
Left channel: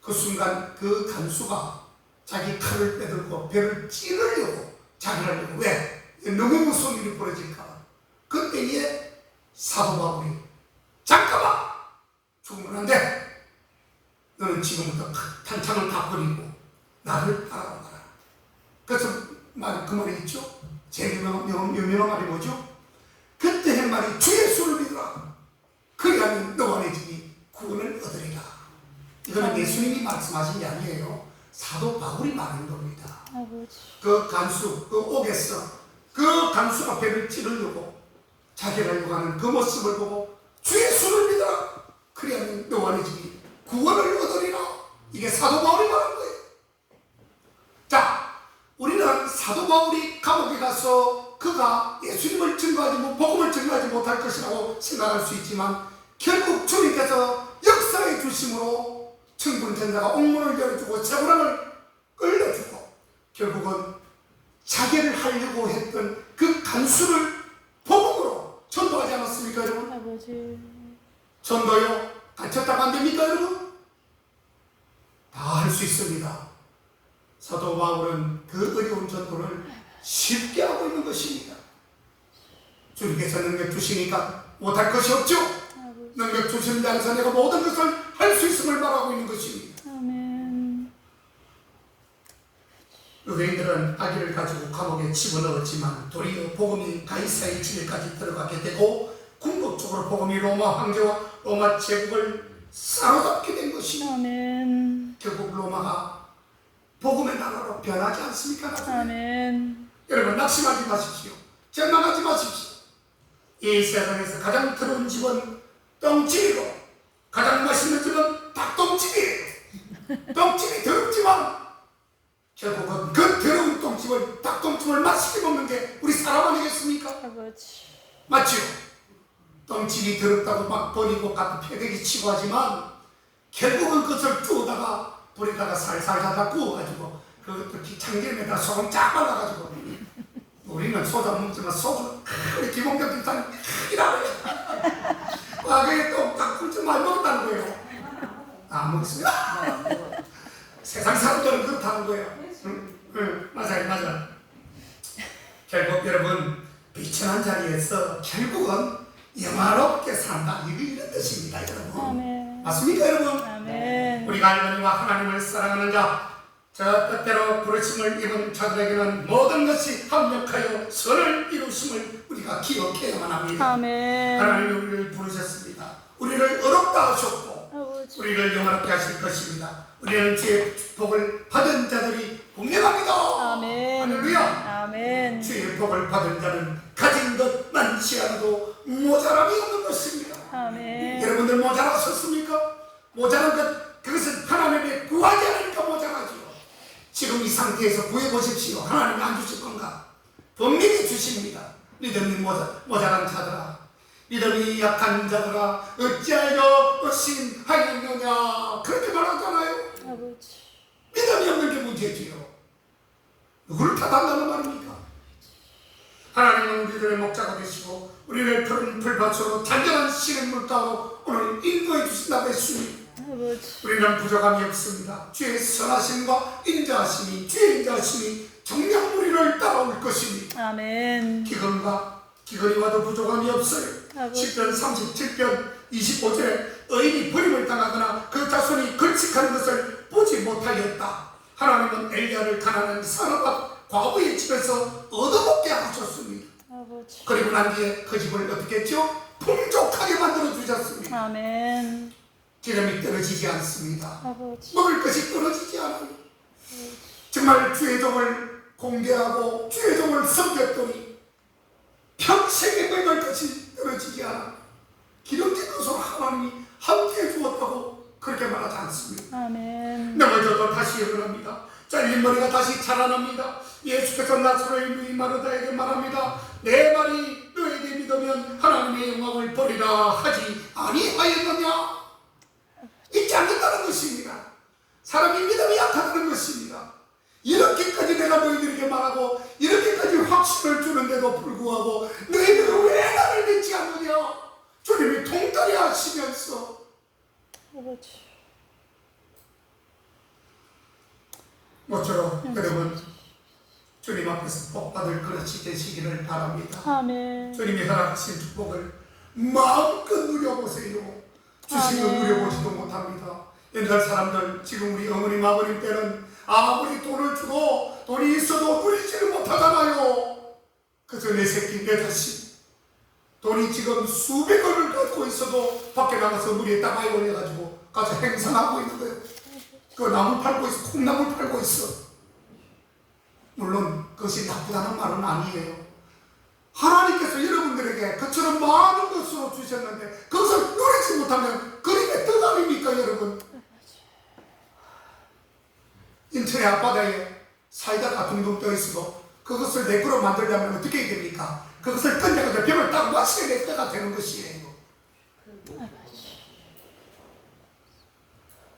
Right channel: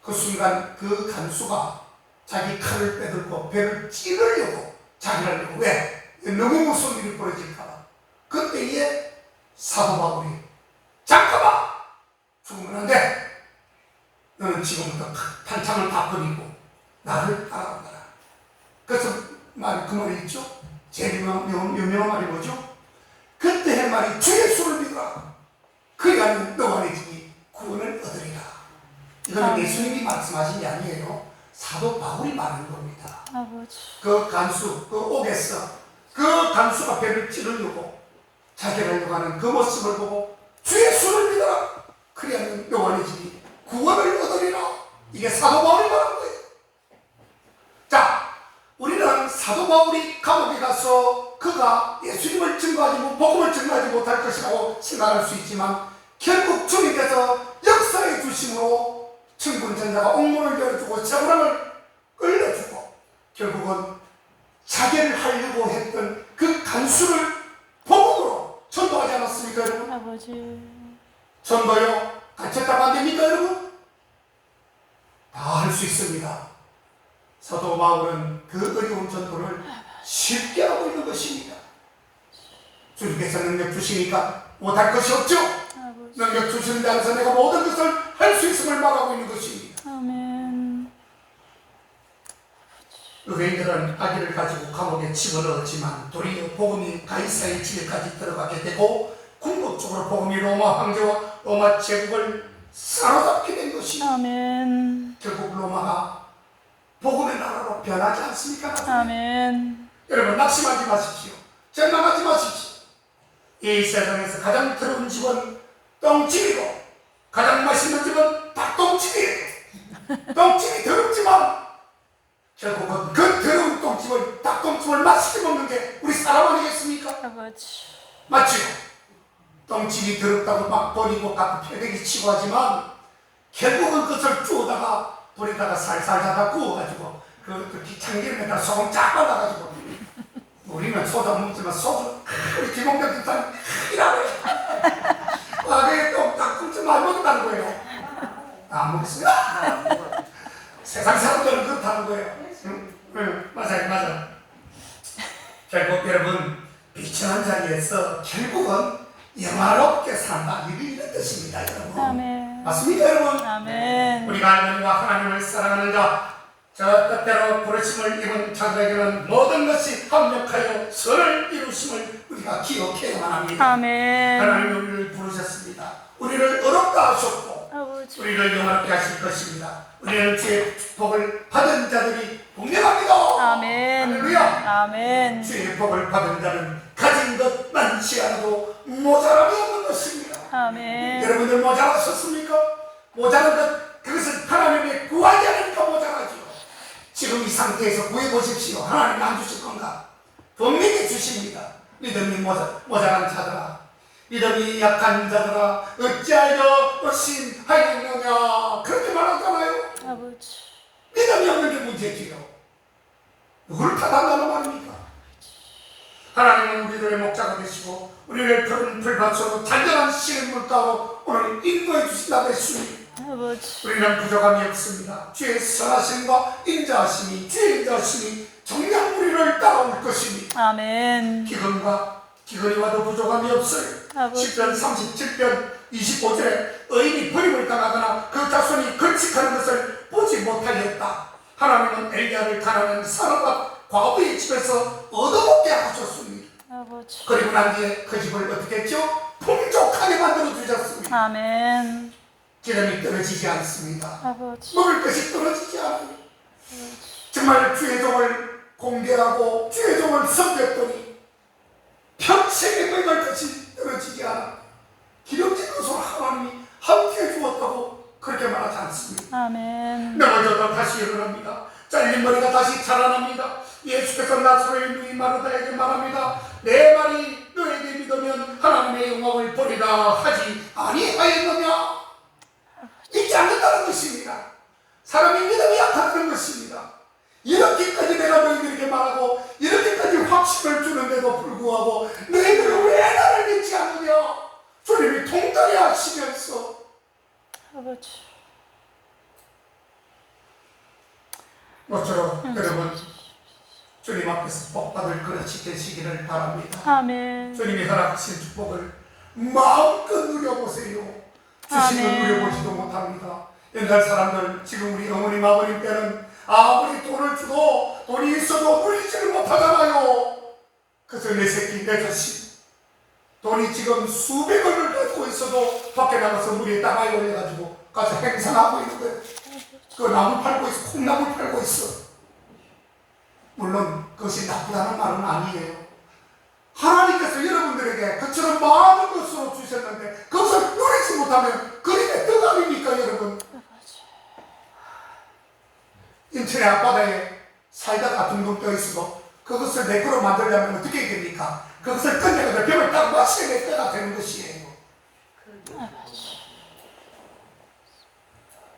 그 순간 그 간수가 자기 칼을 빼들고 배를 찌르려고 자기를 하려고 왜? 너무 무서운 일이 벌어질까봐. 그때에 사도 바울이 잠깐만 죽으면 안 돼. 너는 지금부터 탄창을 다 버리고 나를 따라온다. 그래서 그 말이 있죠. 제일 유명한 말이 뭐죠? 그때 한 말이 주 예수를 믿어라. 그리하면 너와 내 집이 구원을 얻으리라. 이거는 예수님이 말씀하신 게 아니에요. 사도 바울이 말하는 겁니다. 아버지. 그 간수, 그 옥에서 그 간수가 배를 찌르려고 자기를 하려고 하는 그 모습을 보고 주 예수를 믿어라. 그리하면 너와 내 집이 구원을 얻으리라. 이게 사도 바울이 말하는 거예요. 자, 우리는 사도 바울이 감옥에 가서 그가 예수님을 증거하지 복음을 증거하지 못할 것이라고 생각할 수 있지만 결국 주님께서 역사의 주심으로 천군천사가 옥문을 열어주고 쇠고랑을 끌려주고 결국은 자기를 하려고 했던 그 간수를 복음으로 전도하지 않았습니까 여러분? 아버지. 전도요? 갇혔다고 안 됩니까 여러분? 다 할 수 있습니다. 사도 바울은 그 어려운 전도를 쉽게 하고 있는 것입니다. 주님께서 능력 주시니까 못할 것이 없죠? 아버지. 능력 주시는 데 안에서 내가 모든 것을 할 수 있음을 말하고 있는 것입니다. 아멘. 유대인들은 아기를 가지고 감옥에 집어넣었지만 도리어 복음이 가이사의 집에까지 들어가게 되고 궁극적으로 복음이 로마 황제와 로마 제국을 사로잡게 된 것입니다. 아멘. 결국 로마가 복음의 나라로 변하지 않습니까? 아멘. 여러분 낙심하지 마십시오. 절망하지 마십시오. 이 세상에서 가장 더러운 집은 똥집이고 가장 맛있는 집은 닭똥집이에요. 똥집이 더럽지만 결국은 그 더러운 똥집을 닭똥집을 맛있게 먹는 게 우리 사람 아니겠습니까? 아버지. 맞죠? 똥집이 더럽다고 막 버리고 갖다 패대기 치고 하지만 결국은 그것을 주워다가 불에다가 살살 하다 구워가지고 그 참기름에다 소금 쫙 발라가지고 우리는 소주 안 먹지만 소주 우리 기공격 기사는 크기라고 해요. 그게 또딱 굶지 말 먹었다는 거예요. 안 먹었어요? 나안 먹어. 세상 사람들은 그렇다는 거예요. 응, 맞아요. 결국 여러분 비천한 자리에서 결국은 영화롭게 산다. 이런 뜻입니다, 여러분. 아멘. 맞습니까, 여러분? 아멘. 우리가 하나님과 하나님을 사랑하는 자, 저 뜻대로 부르심을 입은 자들에게는 모든 것이 합력하여 선을 이루심을 우리가 기억해야만 합니다. 아멘. 하나님이 우리를 부르셨습니다. 우리를 어렵다 하셨고 아버지. 우리를 영화롭게 하실 것입니다. 우리는 주의 복을 받은 자들이 분명합니다. 아멘. 할렐루야. 아멘. 주의 복을 받은 자는 가진 것 많지 않아도 모자람이 없는 것입니다. 아멘. 여러분들 모자라셨습니까? 모자란 것, 그것은 하나님의 구하지 않으니까 모자라지요. 지금 이 상태에서 구해보십시오. 하나님 안 주실 건가? 분명히 주십니다. 믿음이 모자란 자들아, 믿음이 약한 자들아, 어찌하여 의심하였느냐, 그렇게 말하잖아요. 아버지. 믿음이 없는 게 문제지요. 누구를 탓한다는 말입니까? 하나님은 우리들의 목자가 되시고 우리를 푸른 풀밭으로 잔잔한 씨는 물가로 오늘 인도해 주신다고 했으니 아버지. 우리는 부족함이 없습니다. 주의 선하심과 인자하심이, 주의 인자하심이 정녕 우리를 따라올 것입니다. 아멘. 기근이 와도 부족함이 없어요. 아버지. 10편 37편 25절에 의인이 버림을 당하거나 그 자손이 걸칙하는 것을 보지 못하였다. 하나님은 엘리야를 가난한 사람과 과부의 집에서 얻어먹게 하셨습니다. 아버지. 그리고 난 뒤에 그 집을 어떻게 했죠? 풍족하게 만들어 주셨습니다. 아멘. 기름이 떨어지지 않습니다. 아버지. 먹을 것이 떨어지지 않아요. 정말 주의 종을 공개하고 주의 종을 섬겼더니 평생에 먹을 것이 떨어지지 않아. 기름진 것으로 하나님이 함께 주었다고 그렇게 말하지 않습니다. 아멘. 넘어져도 다시 일어납니다. 잘린 머리가 다시 자라납니다. 예수께서 나사로의 눈이 마르다에게 말합니다. 내 말이 너에게 믿으면 하나님의 영광을 보리라 하지 아니하였느냐. 잊지 않는다는 것입니다. 사람이 믿음이 약하다는 것입니다. 이렇게까지 내가 너희들에게 말하고 이렇게까지 확신을 주는데도 불구하고 너희들은 왜 나를 믿지 않느냐. 주님이 통달해 하시면서 아버지. 모쪼록 여러분 주님 앞에서 복받을 그릇이 되시기를 바랍니다. 아멘. 주님이 허락하신 축복을 마음껏 누려보세요. 주신 걸 아멘. 누려보지도 못합니다. 옛날 사람들, 지금 우리 어머님 아버님 때는 아무리 돈을 주고 돈이 있어도 누리지를 못하잖아요. 그래서 내 새끼 내 자식 돈이 지금 수백억을 가지고 있어도 밖에 나가서 물에 따가이 올려가지고 가서 행상하고 있는 거예요. 그 나무 팔고 있어, 콩나물 팔고 있어. 물론 그것이 나쁘다는 말은 아니에요. 하나님께서 여러분들에게 그처럼 많은 것으로 주셨는데 그것을 누리지 못하면 그림의 뜻 아닙니까, 여러분? 인천의 앞바다에 사이다가 둥둥 떠 있어도 그것을 내 거로 만들려면 어떻게 됩니까? 그것을 끝내고 벽을 딱 마시게 될 때가 되는 것이에요.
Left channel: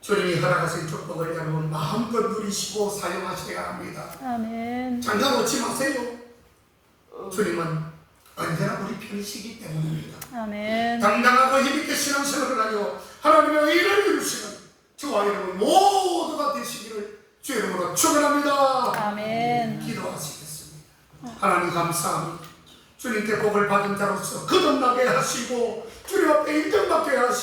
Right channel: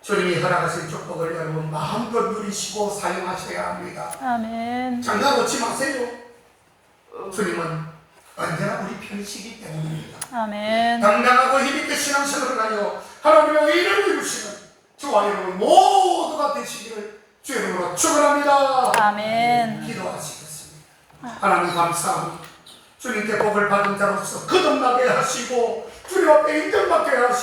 주님이 허락하신 축복을 여러분 마음껏 누리시고 사용하셔야 합니다. 아멘. 장가 놓지 마세요. 주님은 언제나 우리 편이시기 때문입니다. 아멘. 당당하고 힘있게 신앙생활을 하여 하나님의 의를 이루시는 저와 여러분 모두가 되시기를 주 이름으로 축원합니다. 아멘. 기도하시겠습니다. 하나님 감사합니다. 주님께 복을 받은 자로서 거듭나게 하시고 주님 앞에 인정받게 하시고